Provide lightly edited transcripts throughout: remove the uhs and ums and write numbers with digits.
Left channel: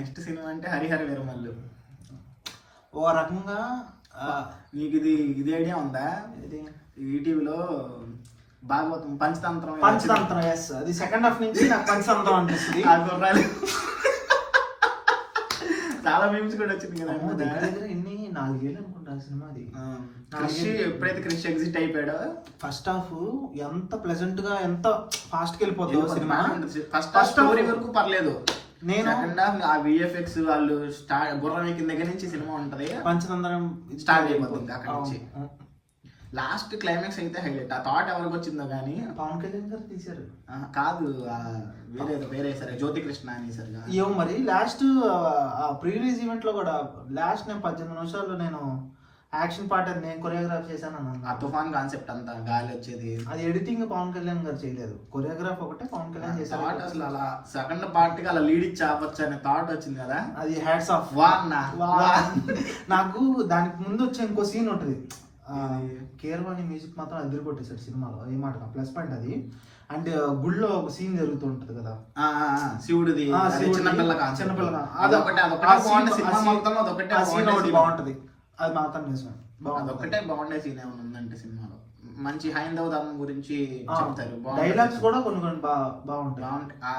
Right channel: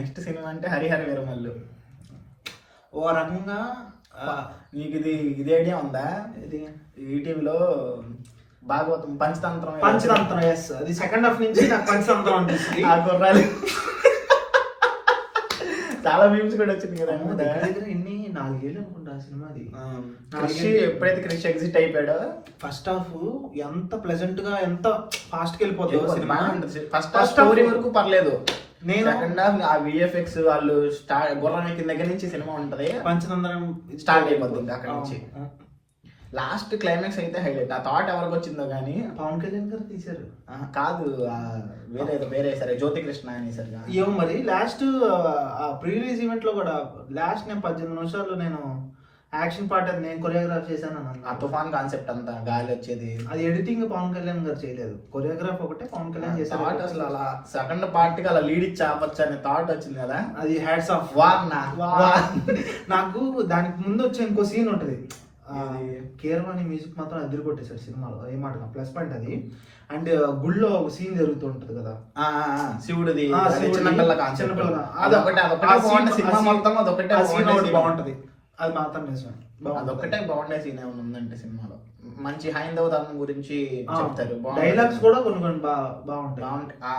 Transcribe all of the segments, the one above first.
Next cinema అంటే హరిహర వీరమల్లు. ఓ రకంగా నీకు ఇది ఐడియా ఉందా? ఇది ఈటీవీలో భాగవతం పంచతంత్రం ఎస్, అది సెకండ్ హాఫ్ నుంచి నాకు పంచతంత్రం అనిపిస్తుంది. ఆ గుర్రాలు చాలా మీమ్స్ కూడా వచ్చింది కదా. ఎన్ని 4 ఏళ్ళు అనుకుంటా ఆ సినిమాది. ఎప్పుడైతే క్రిష్ ఎగ్జిట్ అయిపోయాడో ఫస్ట్ హాఫ్ ఎంత ప్లెజెంట్ గా ఎంత ఫాస్ట్ గా వెళ్ళిపోతుందో సినిమా. ఫస్ట్ స్టోరీ వరకు పర్లేదు. నేను సెకండ్ హాఫ్ ఆ విఎఫ్ఎక్స్ వాళ్ళు గుర్రం ఎక్కిన దగ్గర నుంచి సినిమా ఉంటది, పంచతంత్రం స్టార్ట్ అయిపోతుంది అక్కడ నుంచి. లాస్ట్ క్లైమాక్స్ అయితే హైలైట్. ఆ థాట్ ఎవరికి వచ్చిందో కానీ పవన్ కళ్యాణ్ గారు తీశారు కాదు, వేరే సరే జ్యోతి కృష్ణ అనేసారు. ఏమో మరి లాస్ట్ ప్రీ రిలీజ్ ఈవెంట్ లో కూడా లాస్ట్ నేను 18 నిమిషాలు నేను యాక్షన్ పార్ట్ అది నేను కొరియోగ్రాఫ్ చేశాను. ఆ తుఫాన్ కాన్సెప్ట్ అంతా గాలి వచ్చేది అది ఎడిటింగ్ పవన్ కళ్యాణ్ గారు చేయలేదు, కొరియోగ్రాఫ్ ఒకటే పవన్ కళ్యాణ్ చేశారు. అసలు అలా సెకండ్ పార్ట్ కి అలా లీడ్ ఇచ్చి ఆపచ్చు అనే థాట్ వచ్చింది కదా, అది హ్యాట్స్ ఆఫ్. నాకు దానికి ముందు వచ్చే ఇంకో సీన్ ఉంటది, కీరవాణి మ్యూజిక్ మాత్రం అదిరి కొట్టేశారు సినిమాలో. ఏమాట ప్లస్ పాయింట్ అది. అండ్ గుళ్ళో ఒక సీన్ జరుగుతూ ఉంటది కదా, శివుడిది చిన్నపిల్ల బాగుంటది. అది మాత్రం నిజమే, అదొక్కటే బాగుండే సీన్ ఏమైనా ఉందంటే సినిమాలో. మంచి హైందవ ధర్మం గురించి చెప్తారు, డైలాగ్స్ కూడా కొన్ని బాగుంటాయి.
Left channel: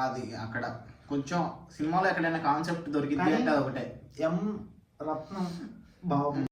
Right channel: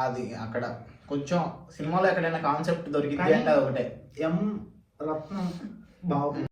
అది అక్కడ కొంచెం సినిమాలో ఎక్కడైనా కాన్సెప్ట్ దొరికింది అంటే అదొకటే. ఎం రత్నం బాగుంది.